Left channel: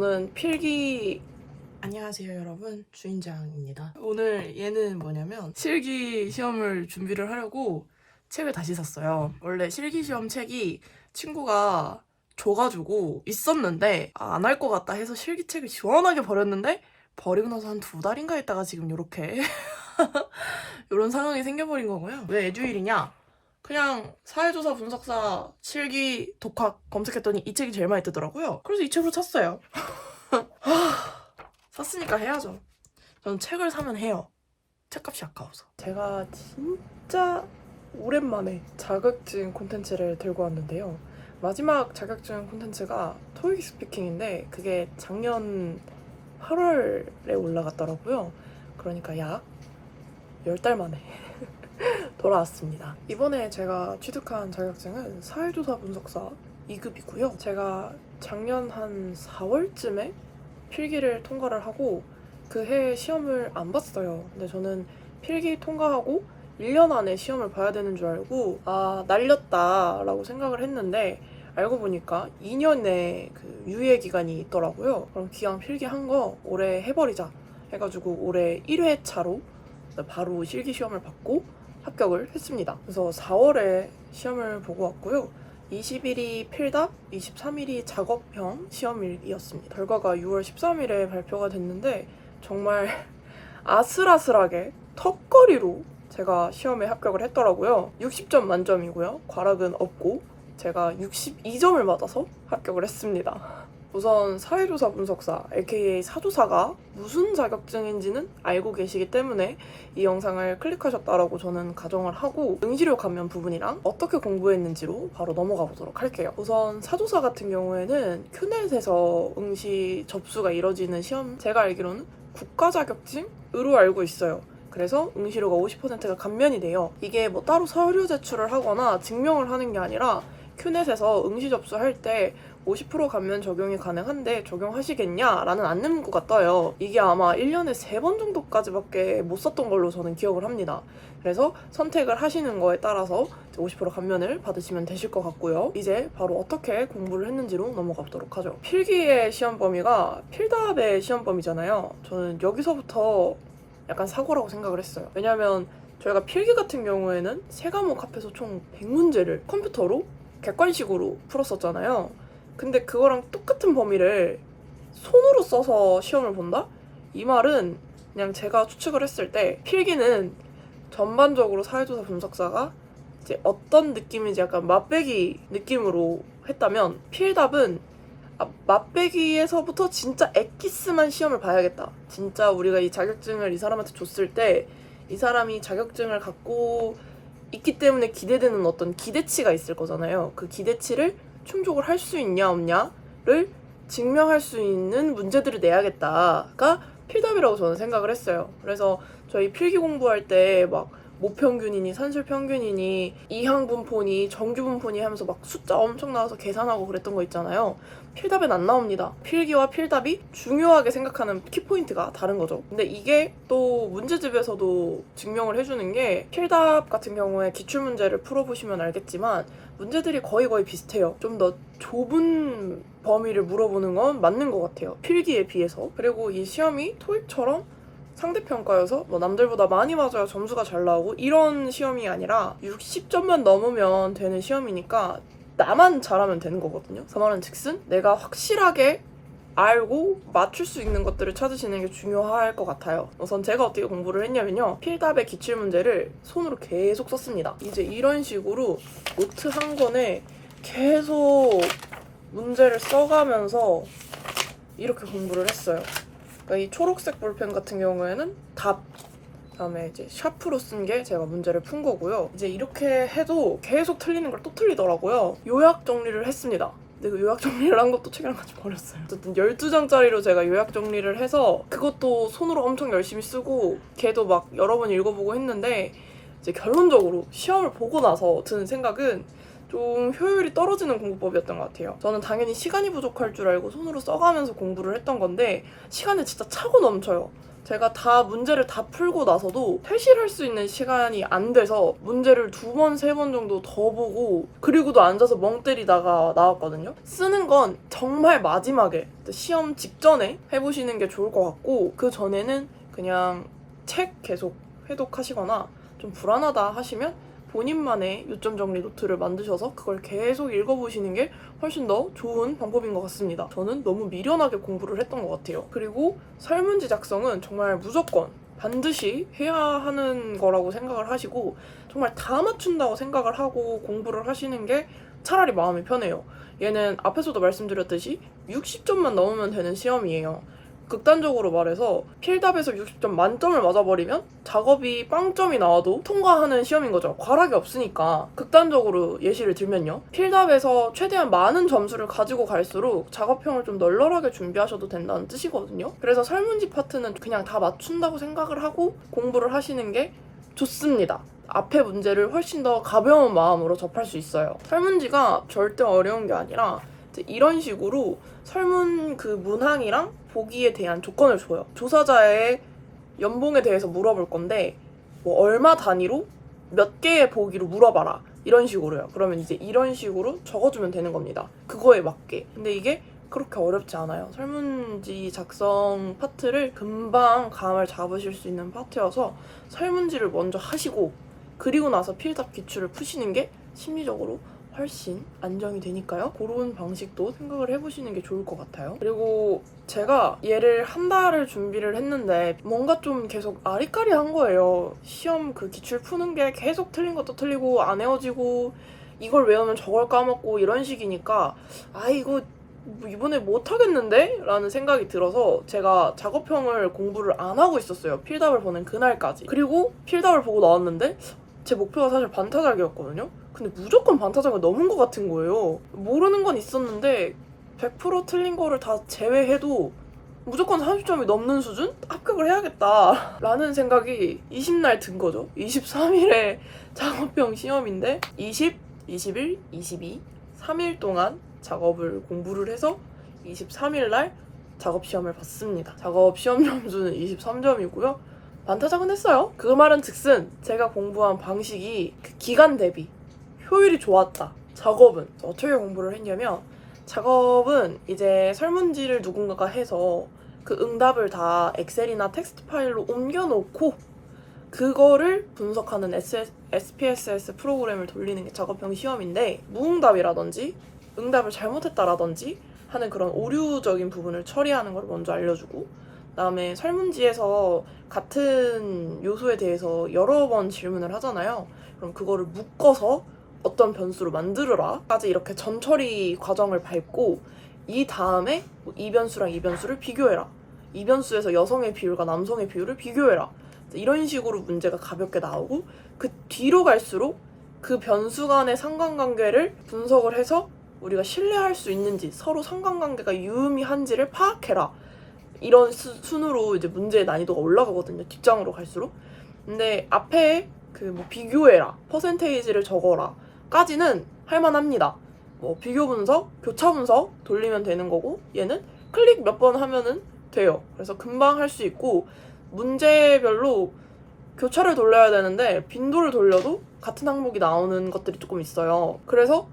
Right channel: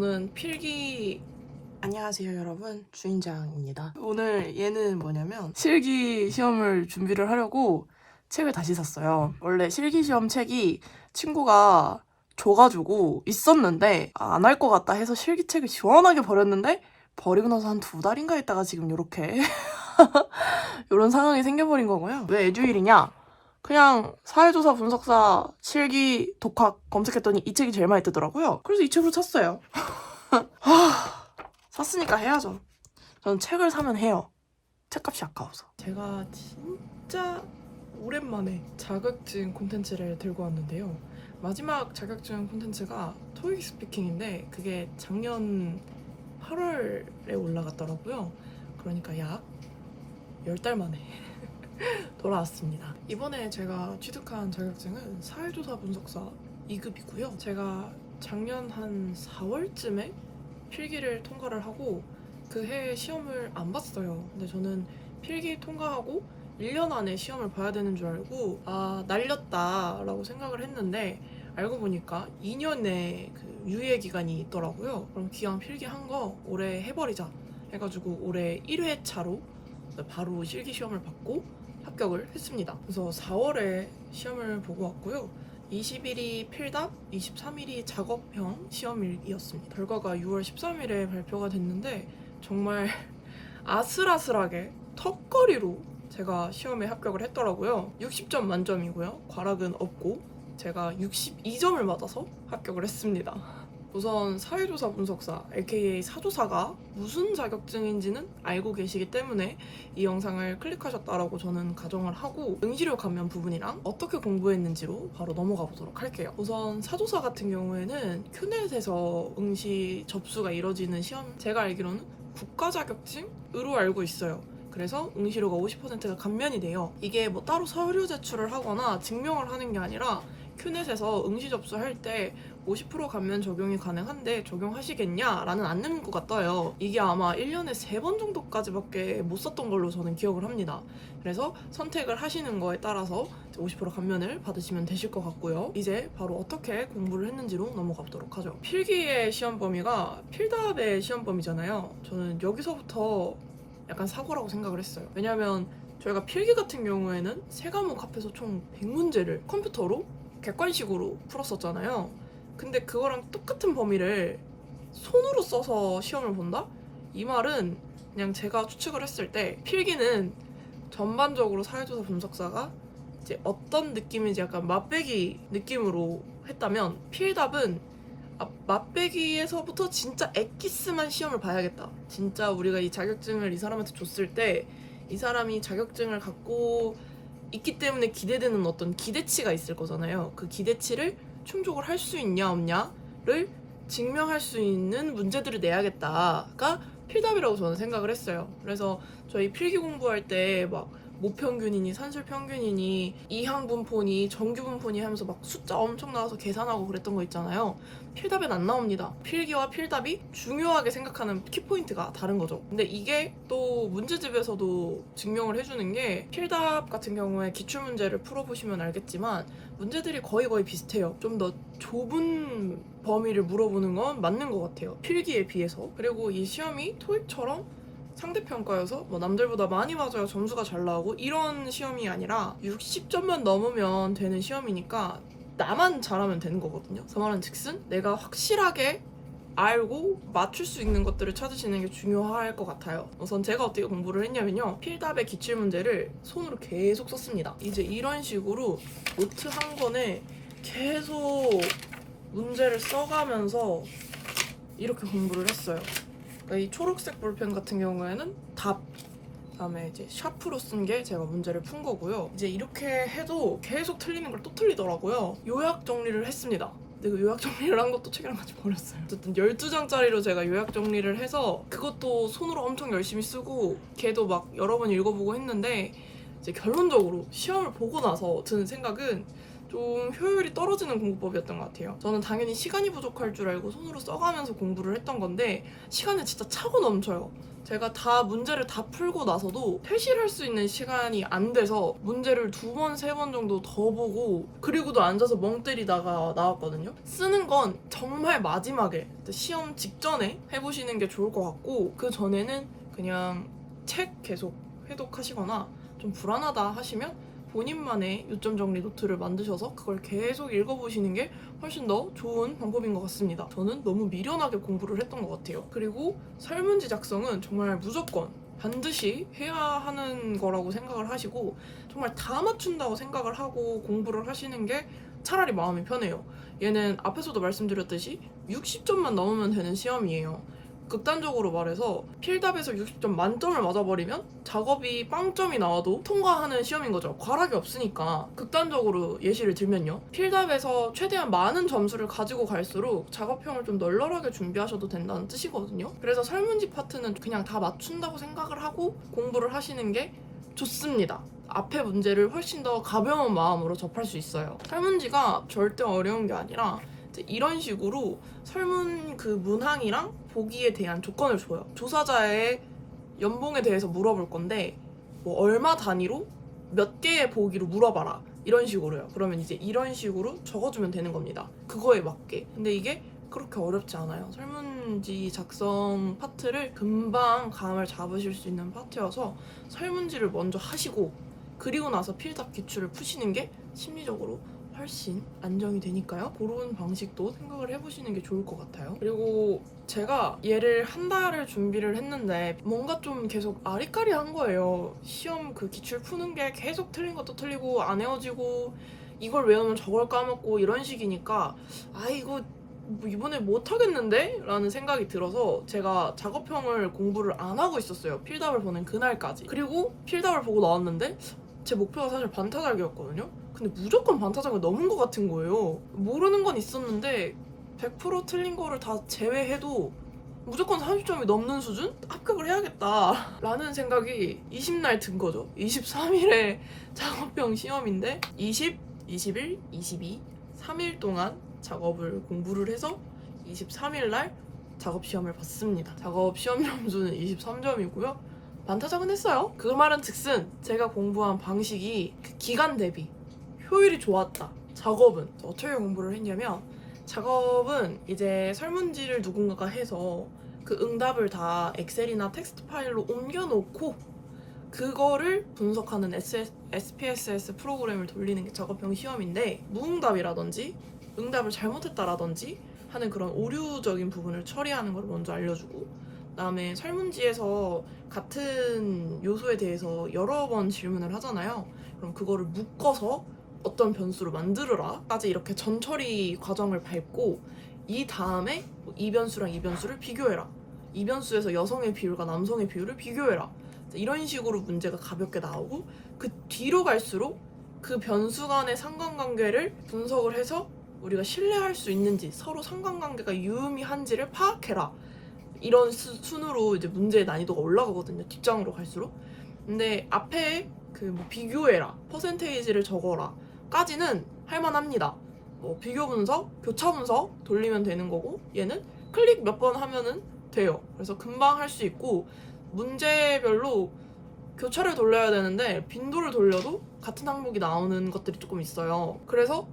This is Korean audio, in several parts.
저는 필기 안녕하세요 여러분, 주인장입니다. 오늘 얘는 뭐냐면 실기 시험을 준비를 하려고 책을 다시 샀어요. 원래 실기 시험 책이 친구가 줘가지고 있었는데 안 할 것 같다 해서 실기책을 시원하게 버렸는데 버리고 나서 한 2달인가 있다가 지금 요렇게 이런 상황이 생겨버린 거고요. 왜 애주일이냐? 그냥 사회조사 분석사 실기 독학 검색했더니 이 책이 제일 많이 뜨더라고요. 그래서 이 책으로 샀어요. 샀으니까 해야죠. 저는 책을 사면 해요. 책값이 아까워서. 제가 진짜 오랜만에 자격증 콘텐츠를 들고 왔는데요. 마지막 자격증 콘텐츠가 토익 스피킹인데 그게 작년 8월에 올라갔더라고요. 그러니까 약 10달 만에 돌아왔습니다. 이번에 제가 취득한 자격증은 사회조사 분석사 2급이고요. 제가 작년 한 4월쯤에 필기를 통과를 하고 그 해에 시험을 안 봤어요. 근데 저는 필기 통과하고 1년 안에 시험을 봐야 되는 줄 알고 날렸다 라고 생각을 했는데 알고 보니까 2년의 그 유예 기간이 있더라고요. 그럼 기왕 필기한 거 올해 해버리자 해가지고 올해 1회차로 바로 실기 시험을 받고 합격을 했습니다. 그래서 4월에 시험을 보고 왔고요. 20일이 필답, 23일이 작업형 시험일이었습니다. 결과가 6월 13일에 발표가 됐는데 정말 아슬아슬하게 턱걸이로 제가 시험에 합격을 했더라고요. 60점 만점이고요. 과락은 없고 제가 62점을 받아서 합격을 했습니다. 우선 사회조사 분석사, aka 사조사가 무슨 자격증인지는 알고 계시기 때문에 이 영상을 클릭하셨다라고 저는 가정을 하고 응시료 감면 부분이랑 어떻게 공부했는지로 바로 넘어가 보도록 할게요. 우선 사조사 같은 경우에는 큐넷에서 응시 접수가 이뤄지는 시험, 제가 알기로는 국가 자격증으로 알고 있어요. 그래서 응시료가 50%가 감면이 돼요. 이게 뭐 따로 서류 제출을 하거나 증명을 하는 게 아니라 큐넷에서 응시 접수할 때 50% 감면 적용이 가능한데 적용하시겠냐? 라는 안내문구가 떠요. 이게 아마 1년에 3번 정도까지밖에 못 썼던 걸로 저는 기억을 합니다. 그래서 선택을 하시는 거에 따라서 50% 감면을 받으시면 되실 것 같고요. 이제 바로 어떻게 공부를 했는지로 넘어가 보도록 하죠. 필기의 시험 범위가 필답의 시험 범위잖아요. 저는 여기서부터 약간 사고라고 생각을 했어요. 왜냐면 저희가 필기 같은 경우에는 3과목 합해서 총 100문제를 컴퓨터로 객관식으로 풀었었잖아요. 근데 그거랑 똑같은 범위를 손으로 써서 시험을 본다? 이 말은 그냥 제가 추측을 했을 때 필기는 전반적으로 사회조사 분석사가 이제 어떤 느낌인지 약간 맛배기 느낌으로 했다면 필답은 맛배기에서부터 진짜 엑기스만 시험을 봐야겠다. 진짜 우리가 이 자격증을 이 사람한테 줬을 때 이 사람이 자격증을 갖고 있기 때문에 기대되는 어떤 기대치가 있을 거잖아요. 그 기대치를 충족을 할 수 있냐 없냐를 증명할 수 있는 문제들을 내야겠다가 필답이라고 저는 생각을 했어요. 그래서 저희 필기 공부할 때 막 모평균이니 산술평균이니 이항분포니 정규분포니 하면서 막 숫자 엄청 나와서 계산하고 그랬던 거 있잖아요. 필답엔 안 나옵니다. 필기와 필답이 중요하게 생각하는 키포인트가 다른 거죠. 근데 이게 또 문제집에서도 증명을 해주는 게 필답 같은 경우에 기출문제를 풀어보시면 알겠지만 문제들이 거의 비슷해요. 좀 더 좁은 범위를 물어보는 건 맞는 것 같아요. 필기에 비해서. 그리고 이 시험이 토익처럼 상대평가여서 뭐 남들보다 많이 맞아야 점수가 잘 나오고 이런 시험이 아니라 60점만 넘으면 되는 시험이니까 나만 잘하면 되는 거거든요. 그 말은 즉슨 내가 확실하게 알고 맞출 수 있는 것들을 찾으시는 게 중요할 것 같아요. 우선 제가 어떻게 공부를 했냐면요. 필답의 기출문제를 손으로 계속 썼습니다. 이제 이런 식으로 노트 한 권에 계속 문제를 써가면서 이렇게 공부를 했어요. 그러니까 이 초록색 볼펜 같은 경우에는 답, 그다음에 이제 샤프로 쓴 게 제가 문제를 푼 거고요. 이제 이렇게 해도 계속 틀리는 걸 또 틀리더라고요. 요약 정리를 했습니다. 근데 그 요약 정리를 한 것도 책이랑 같이 버렸어요. 어쨌든 12장짜리로 제가 요약 정리를 해서 그것도 손으로 엄청 열심히 쓰고 걔도 막 여러 번 읽어보고 했는데 이제 결론적으로 시험을 보고 나서 드는 생각은 좀 효율이 떨어지는 공부법이었던 것 같아요. 저는 당연히 시간이 부족할 줄 알고 손으로 써가면서 공부를 했던 건데 시간은 진짜 차고 넘쳐요. 제가 다 문제를 다 풀고 나서도 퇴실할 수 있는 시간이 안 돼서 문제를 2번, 3번 정도 더 보고 그리고도 앉아서 멍 때리다가 나왔거든요. 쓰는 건 정말 마지막에 시험 직전에 해보시는 게 좋을 것 같고 그 전에는 그냥 책 계속 회독하시거나 좀 불안하다 하시면 본인만의 요점 정리 노트를 만드셔서 그걸 계속 읽어보시는 게 훨씬 더 좋은 방법인 것 같습니다. 저는 너무 미련하게 공부를 했던 것 같아요. 그리고 설문지 작성은 정말 무조건 반드시 해야 하는 거라고 생각을 하시고 정말 다 맞춘다고 생각을 하고 공부를 하시는 게 차라리 마음이 편해요. 얘는 앞에서도 말씀드렸듯이 60점만 넘으면 되는 시험이에요. 극단적으로 말해서 필답에서 60점 만점을 맞아버리면 작업이 빵점이 나와도 통과하는 시험인 거죠. 과락이 없으니까. 극단적으로 예시를 들면요. 필답에서 최대한 많은 점수를 가지고 갈수록 작업형을 좀 널널하게 준비하셔도 된다는 뜻이거든요. 그래서 설문지 파트는 그냥 다 맞춘다고 생각을 하고 공부를 하시는 게 좋습니다. 앞에 문제를 훨씬 더 가벼운 마음으로 접할 수 있어요. 설문지가 절대 어려운 게 아니라 이런 식으로 설문 그 문항이랑 보기에 대한 조건을 줘요. 조사자의 연봉에 대해서 물어볼 건데 뭐 얼마 단위로 몇 개의 보기로 물어봐라 이런 식으로요. 그러면 이제 이런 식으로 적어주면 되는 겁니다. 그거에 맞게. 근데 이게 그렇게 어렵지 않아요. 설문지 작성 파트를 금방 감을 잡으실 수 있는 파트여서 설문지를 먼저 하시고 그리고 나서 필답 기출을 푸시는 게 심리적으로 훨씬 안정이 되니까요. 그런 방식도 생각을 해보시는 게 좋을 것 같아요. 그리고 제가 얘를 한 달을 준비를 했는데 뭔가 좀 계속 아리까리한 거예요. 시험 그 기출 푸는 게 계속 틀린 것도 틀리고 안 외워지고 이걸 외우면 저걸 까먹고 이런 식이니까 이거 뭐 이번에 못하겠는데? 라는 생각이 들어서 제가 작업형을 공부를 안 하고 있었어요. 필답을 보는 그날까지. 그리고 필답을 보고 나왔는데 제 목표가 사실 반타작이었거든요. 근데 무조건 반타작을 넘은 것 같은 거예요. 모르는 건 있었는데 100% 틀린 거를 다 제외해도 무조건 30점이 넘는 수준? 합격을 해야겠다 라는 생각이 20날 든 거죠. 23일에 작업형 시험인데 20, 21, 22, 3일 동안 작업을 공부를 해서 23일날 작업 시험을 봤습니다. 작업 시험 점수는 23점이고요. 반타작은 했어요. 그 말은 즉슨 제가 공부한 방식이 그 기간 대비 효율이 좋았다. 작업은 어떻게 공부를 했냐면 작업은 이제 설문지를 누군가가 해서 그 응답을 다 엑셀이나 텍스트 파일로 옮겨놓고 그거를 분석하는 SPSS 프로그램을 돌리는 게 작업형 시험인데 무응답이라든지 응답을 잘못했다라든지 하는 그런 오류적인 부분을 처리하는 걸 먼저 알려주고 그다음에 설문지에서 같은 요소에 대해서 여러 번 질문을 하잖아요. 그럼 그거를 묶어서 어떤 변수로 만들어라 까지 이렇게 전처리 과정을 밟고 이 다음에 이 변수랑 이 변수를 비교해라. 이 변수에서 여성의 비율과 남성의 비율을 비교해라. 이런 식으로 문제가 가볍게 나오고 그 뒤로 갈수록 그 변수 간의 상관관계를 분석을 해서 우리가 신뢰할 수 있는지 서로 상관관계가 유의미한지를 파악해라. 이런 순으로 이제 문제의 난이도가 올라가거든요. 뒷장으로 갈수록. 근데 앞에 그 뭐 비교해라, 퍼센테이지를 적어라 까지는 할만합니다. 뭐 비교 분석, 교차 분석 돌리면 되는 거고 얘는 클릭 몇 번 하면은 돼요. 그래서 금방 할 수 있고 문제별로 교차를 돌려야 되는데 빈도를 돌려도 같은 항목이 나오는 것들이 조금 있어요. 그래서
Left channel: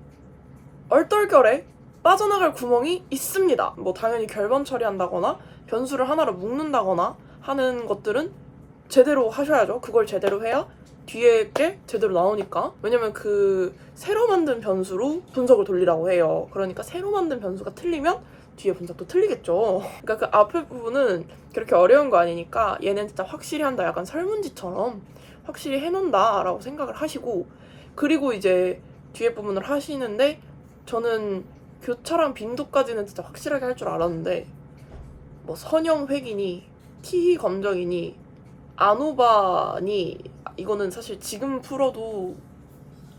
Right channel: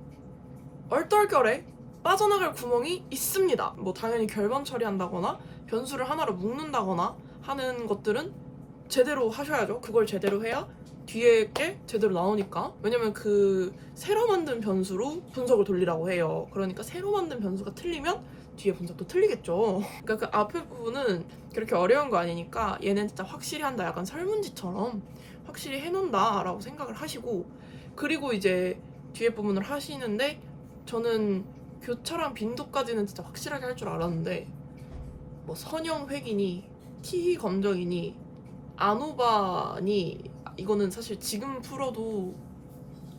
얼떨결에 빠져나갈 구멍이 있습니다. 뭐 당연히 결번 처리한다거나 변수를 하나로 묶는다거나 하는 것들은 제대로 하셔야죠. 그걸 제대로 해야 뒤에 게 제대로 나오니까. 왜냐면 그 새로 만든 변수로 분석을 돌리라고 해요. 그러니까 새로 만든 변수가 틀리면 뒤에 분석도 틀리겠죠. 그러니까 그 앞에 부분은 그렇게 어려운 거 아니니까 얘는 진짜 확실히 한다. 약간 설문지처럼 확실히 해놓는다 라고 생각을 하시고 그리고 이제 뒤에 부분을 하시는데 저는 교차랑 빈도까지는 진짜 확실하게 할 줄 알았는데 뭐 선형 획이니 키 검정이니 아노바니 이거는 사실 지금 풀어도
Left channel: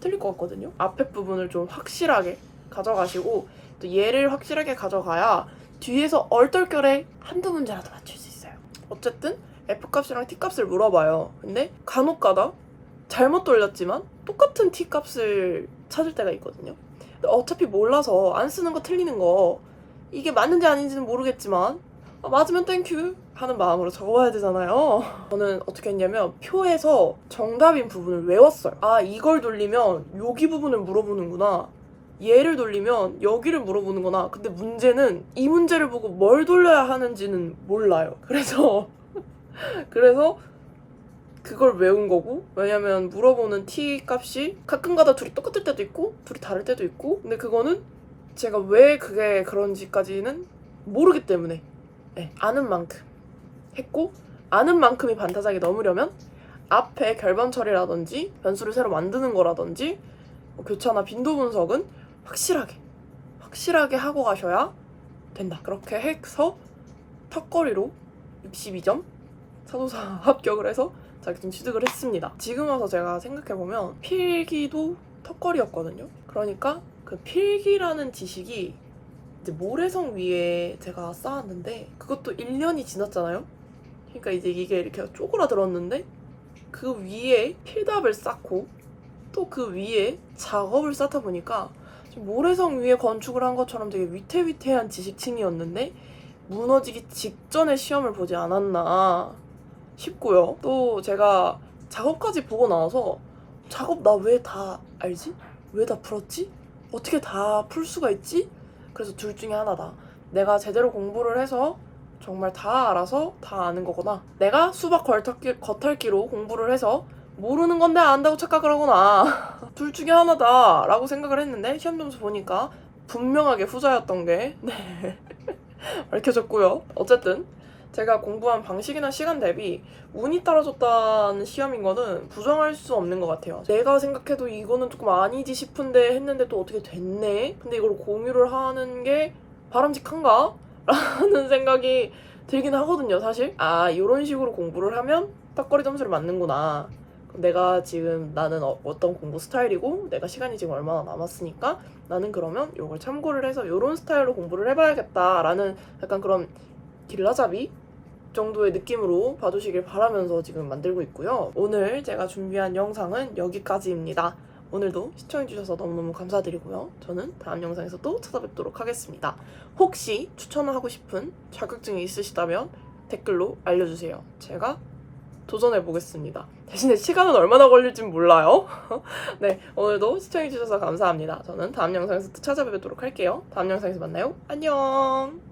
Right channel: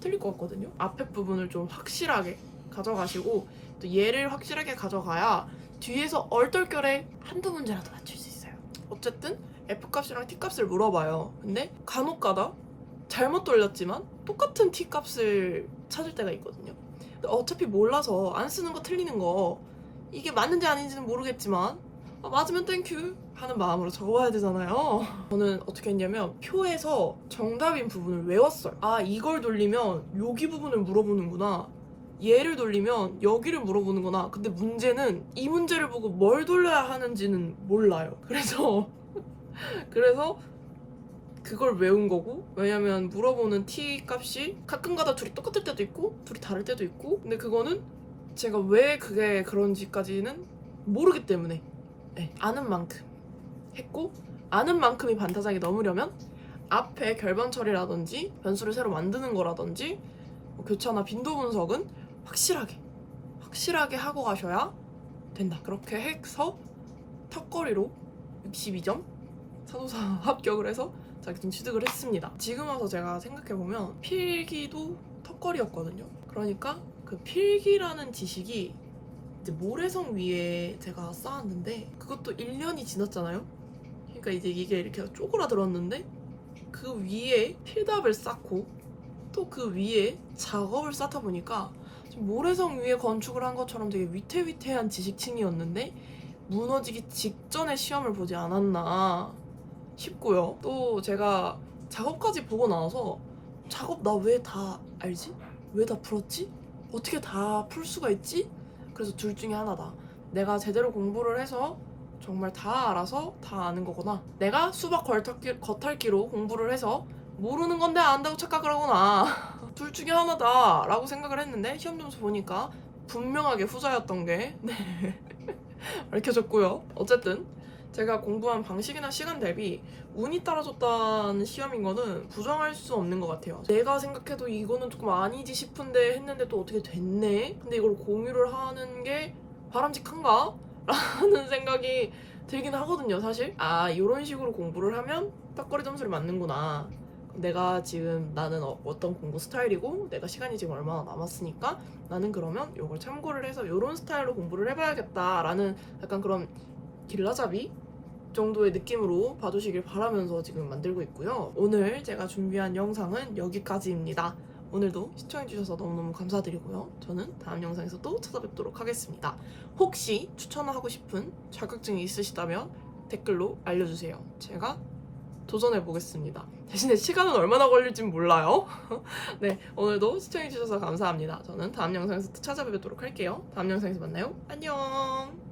틀릴 것 같거든요. 앞에 부분을 좀 확실하게 가져가시고 또 얘를 확실하게 가져가야 뒤에서 얼떨결에 한두 문제라도 맞출 수 있어요. 어쨌든 F값이랑 T값을 물어봐요. 근데 간혹가다 잘못 돌렸지만 똑같은 T값을 찾을 때가 있거든요. 근데 어차피 몰라서 안 쓰는 거 틀리는 거 이게 맞는지 아닌지는 모르겠지만 맞으면 땡큐 하는 마음으로 적어야 되잖아요. 저는 어떻게 했냐면 표에서 정답인 부분을 외웠어요. 아, 이걸 돌리면 여기 부분을 물어보는구나, 얘를 돌리면 여기를 물어보는구나. 근데 문제는 이 문제를 보고 뭘 돌려야 하는지는 몰라요. 그래서 그걸 외운 거고, 왜냐면 물어보는 t 값이 가끔가다 둘이 똑같을 때도 있고 둘이 다를 때도 있고, 근데 그거는 제가 왜 그게 그런지까지는 모르기 때문에 아는 만큼 했고, 아는 만큼이 반타작이 넘으려면 앞에 결번 처리라든지 변수를 새로 만드는 거라든지 교차나 빈도 분석은 확실하게 하고 가셔야 된다. 그렇게 해서 턱걸이로 62점 사도사 합격을 해서 자격증 취득을 했습니다. 지금 와서 제가 생각해보면 필기도 턱걸이였거든요. 그러니까 그 필기라는 지식이 이제 모래성 위에 제가 쌓았는데 그것도 1년이 지났잖아요. 그러니까 이제 이게 이렇게 쪼그라들었는데 그 위에 필답을 쌓고 또 그 위에 작업을 쌓다 보니까 모래성 위에 건축을 한 것처럼 되게 위태위태한 지식층이었는데 무너지기 직전에 시험을 보지 않았나 싶고요. 또 제가 작업까지 보고 나와서 작업 나 왜 다 알지? 왜 다 풀었지? 어떻게 다 풀 수가 있지? 그래서 둘 중에 하나다. 내가 제대로 공부를 해서 정말 다 알아서 다 아는 거거나, 내가 수박 겉핥기로 공부를 해서 모르는 건데 안다고 착각을 하거나 둘 중에 하나다 라고 생각을 했는데 시험 점수 보니까 분명하게 후자였던 게 밝혀졌고요. 어쨌든 제가 공부한 방식이나 시간 대비 운이 따라줬다는 시험인 거는 부정할 수 없는 것 같아요. 내가 생각해도 이거는 조금 아니지 싶은데 했는데 또 어떻게 됐네? 근데 이걸 공유를 하는 게 바람직한가? 라는 생각이 들긴 하거든요, 사실. 아, 이런 식으로 공부를 하면 턱걸이 점수를 맞는구나. 내가 지금 나는 어떤 공부 스타일이고 내가 시간이 지금 얼마나 남았으니까 나는 그러면 이걸 참고를 해서 이런 스타일로 공부를 해봐야겠다라는 약간 그런 길라잡이 정도의 느낌으로 봐주시길 바라면서 지금 만들고 있고요. 오늘 제가 준비한 영상은 여기까지입니다. 오늘도 시청해주셔서 너무너무 감사드리고요. 저는 다음 영상에서 또 찾아뵙도록 하겠습니다. 혹시 추천하고 싶은 자격증이 있으시다면 댓글로 알려주세요. 제가 도전해보겠습니다. 대신에 시간은 얼마나 걸릴진 몰라요. 네, 오늘도 시청해주셔서 감사합니다. 저는 다음 영상에서 또 찾아뵙도록 할게요. 다음 영상에서 만나요. 안녕!